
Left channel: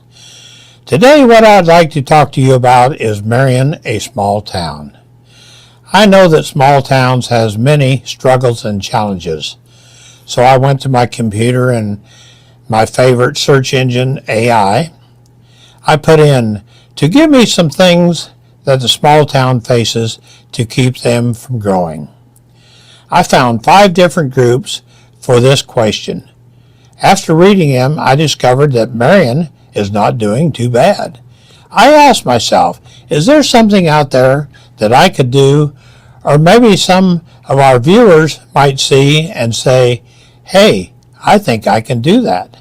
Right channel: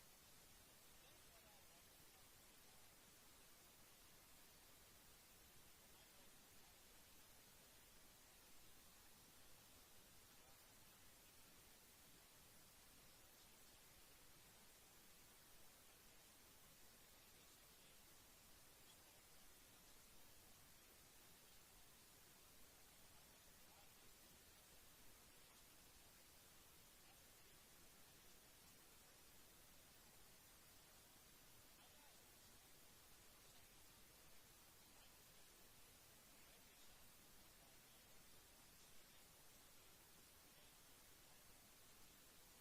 Today, what I'd like to talk to you about is Marion, a small town. I know that small towns has many struggles and challenges. So I went to my computer and my favorite search engine, AI. I put in to give me some things that the small town faces to keep them from growing. I found 5 different groups for this question. After reading them, I discovered that Marion is not doing too bad. I asked myself, is there something out there that I could do, or maybe some of our viewers might see and say, hey, I think I can do that.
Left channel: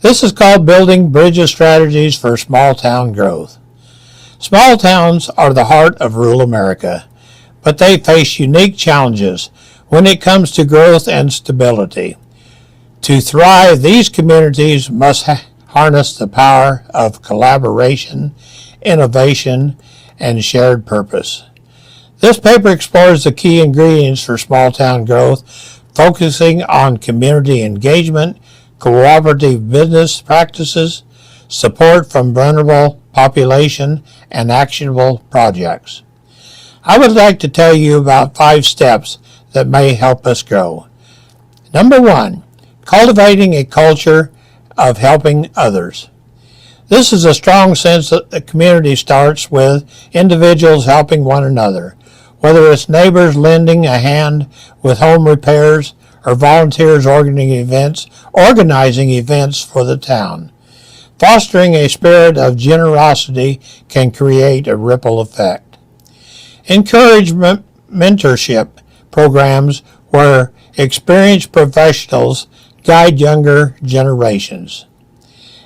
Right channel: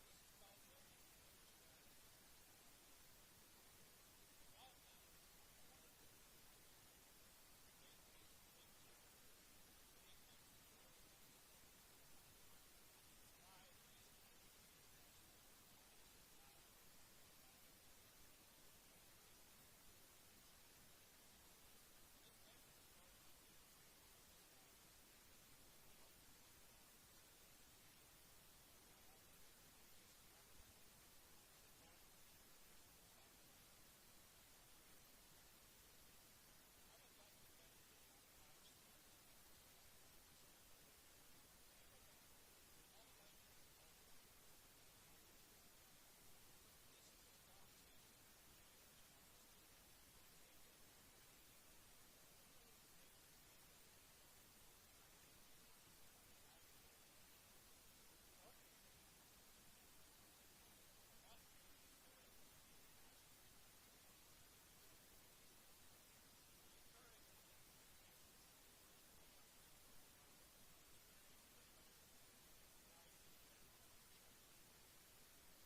This is called Building Bridges Strategies for Small Town Growth. Small towns are the heart of rural America, but they face unique challenges when it comes to growth and stability. To thrive, these communities must harness the power of collaboration, innovation, and shared purpose. This paper explores the key ingredients for small town growth, focusing on community engagement, cooperative business practices, support from vulnerable population, and actionable projects. I would like to tell you about 5 steps that may help us grow. Number 1, cultivating a culture of helping others. This is a strong sense that the community starts with individuals helping one another, whether it's neighbors lending a hand with home repairs or volunteers organizing events for the town. Fostering a spirit of generosity can create a ripple effect. Encourage mentorship programs where experienced professionals guide younger generations.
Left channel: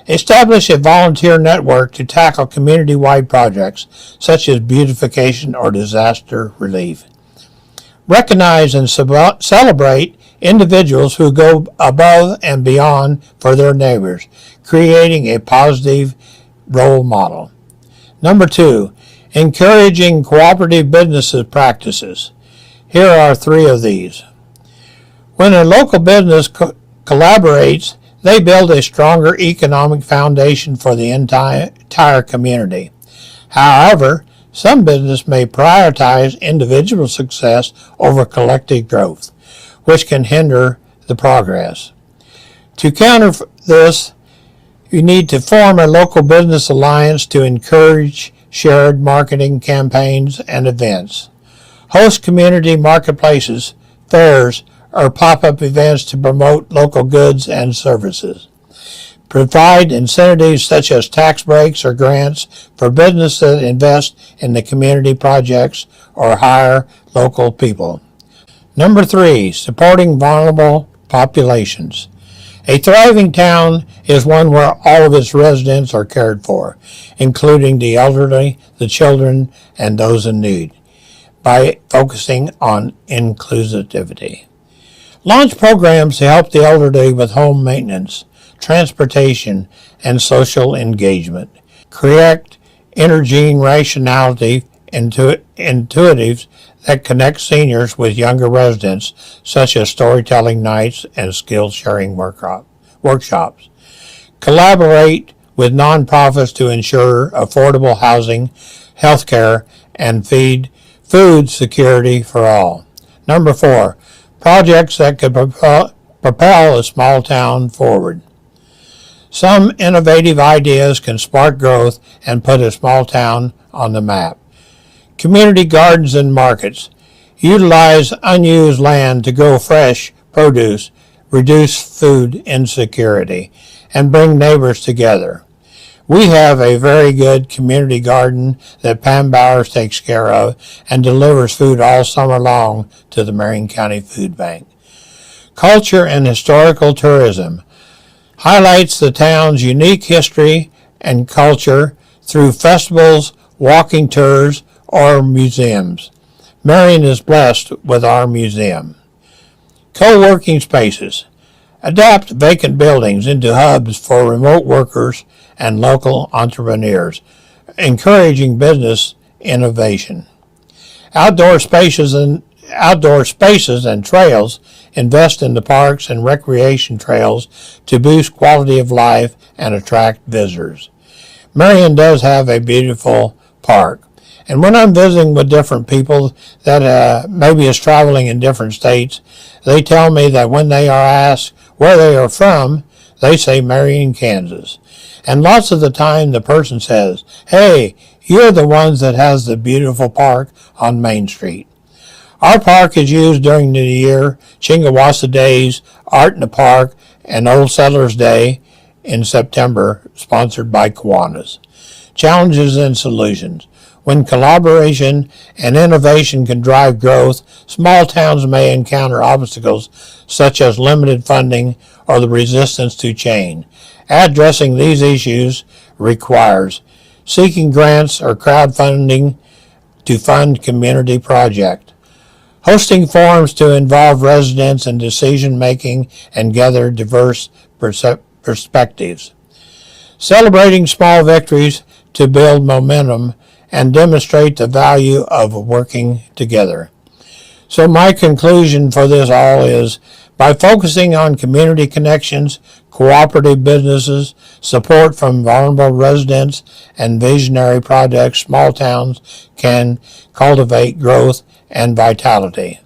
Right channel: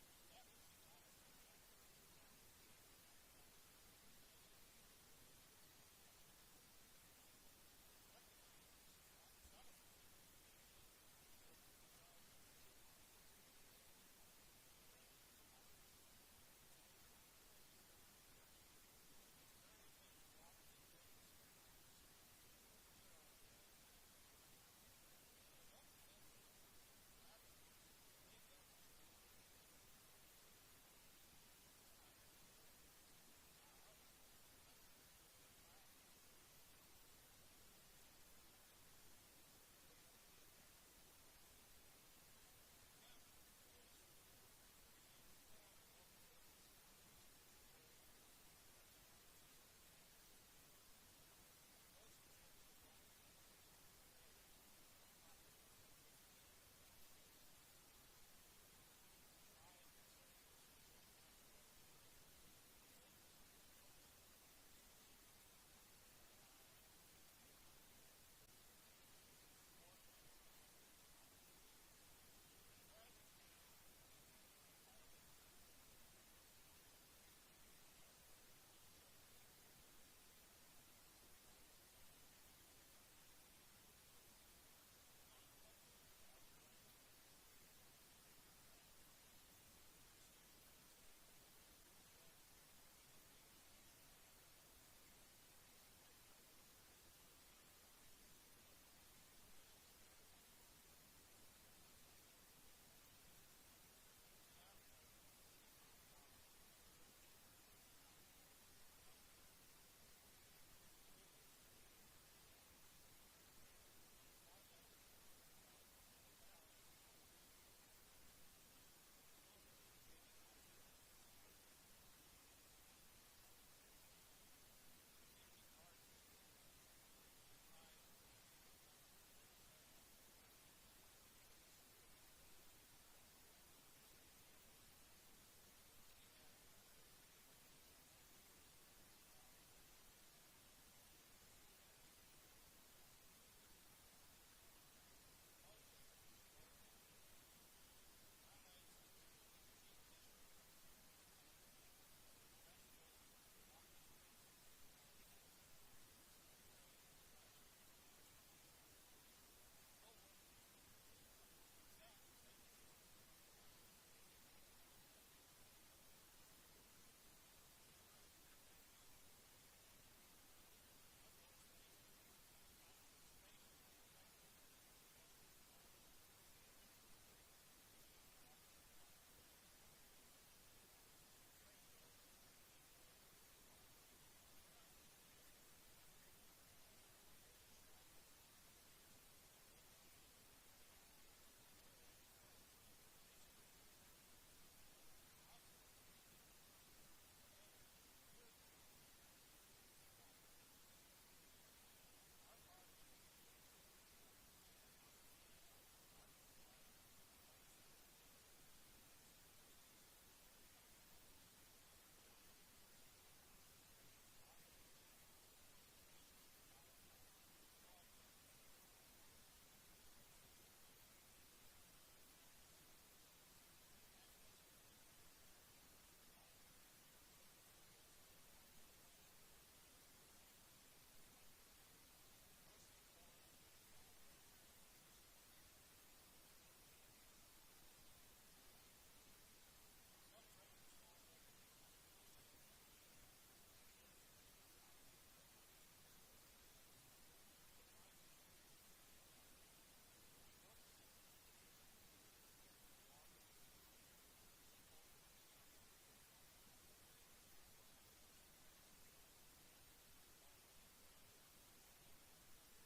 Establish a volunteer network to tackle community-wide projects such as beautification or disaster relief. Recognize and celebrate individuals who go above and beyond for their neighbors, creating a positive role model. Number 2, encouraging cooperative business practices. Here are 3 of these. When a local business collaborates, they build a stronger economic foundation for the entire community. However, some business may prioritize individual success over collective growth, which can hinder the progress. To counter this, you need to form a local business alliance to encourage shared marketing campaigns and events. Host community marketplaces, fairs, or pop-up events to promote local goods and services. Provide incentives such as tax breaks or grants for businesses that invest in the community projects or hire local people. Number 3, supporting vulnerable populations. A thriving town is one where all of its residents are cared for, including the elderly, the children, and those in need, by focusing on inclusivity. Launch programs to help the elderly with home maintenance, transportation, and social engagement. Create intergene rationality intuitives that connect seniors with younger residents, such as storytelling nights and skill-sharing workshops. Collaborate with nonprofits to ensure affordable housing, health care, and food security for all. Number 4, projects that could propel a small town forward. Some innovative ideas can spark growth and put a small town on the map. Community gardens and markets. Utilize unused land to grow fresh produce, reduce food insecurity, and bring neighbors together. We have a very good community garden that Pam Bowers takes care of and delivers food all summer long to the Marion County Food Bank. Culture and historical tourism highlights the town's unique history and culture through festivals, walking tours, or museums. Marion is blessed with our museum. Co-working spaces. Adapt vacant buildings into hubs for remote workers and local entrepreneurs, encouraging business innovation. Outdoor spaces and trails invest in the parks and recreation trails to boost quality of life and attract visitors. Marion does have a beautiful park. And when I'm visiting with different people that maybe is traveling in different states, they tell me that when they are asked where they are from, they say Marion, Kansas. And lots of the time the person says, hey, you're the ones that has the beautiful park on Main Street. Our park is used during the year, Chingawassa Days, Art in the Park, and Old Settlers Day in September, sponsored by Kiwanis. Challenges and solutions. When collaboration and innovation can drive growth, small towns may encounter obstacles such as limited funding or the resistance to change. Addressing these issues requires seeking grants or crowdfunding to fund community projects, hosting forums to involve residents in decision-making and gather diverse perspectives, celebrating small victories to build momentum and demonstrate the value of working together. So my conclusion for this all is, by focusing on community connections, cooperative businesses, support from vulnerable residents, and visionary projects, small towns can cultivate growth and vitality.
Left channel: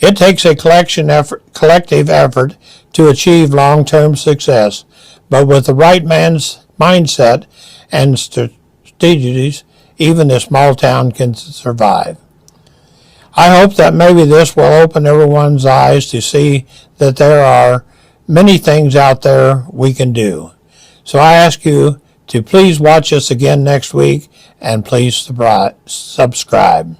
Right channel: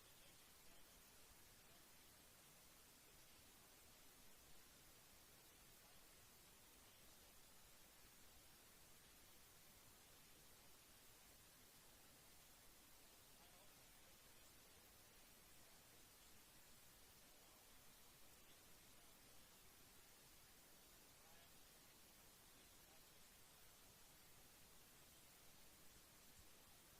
It takes a collective effort to achieve long-term success, but with the right mindset and strategies, even a small town can survive. I hope that maybe this will open everyone's eyes to see that there are many things out there we can do. So I ask you to please watch us again next week and please subscribe.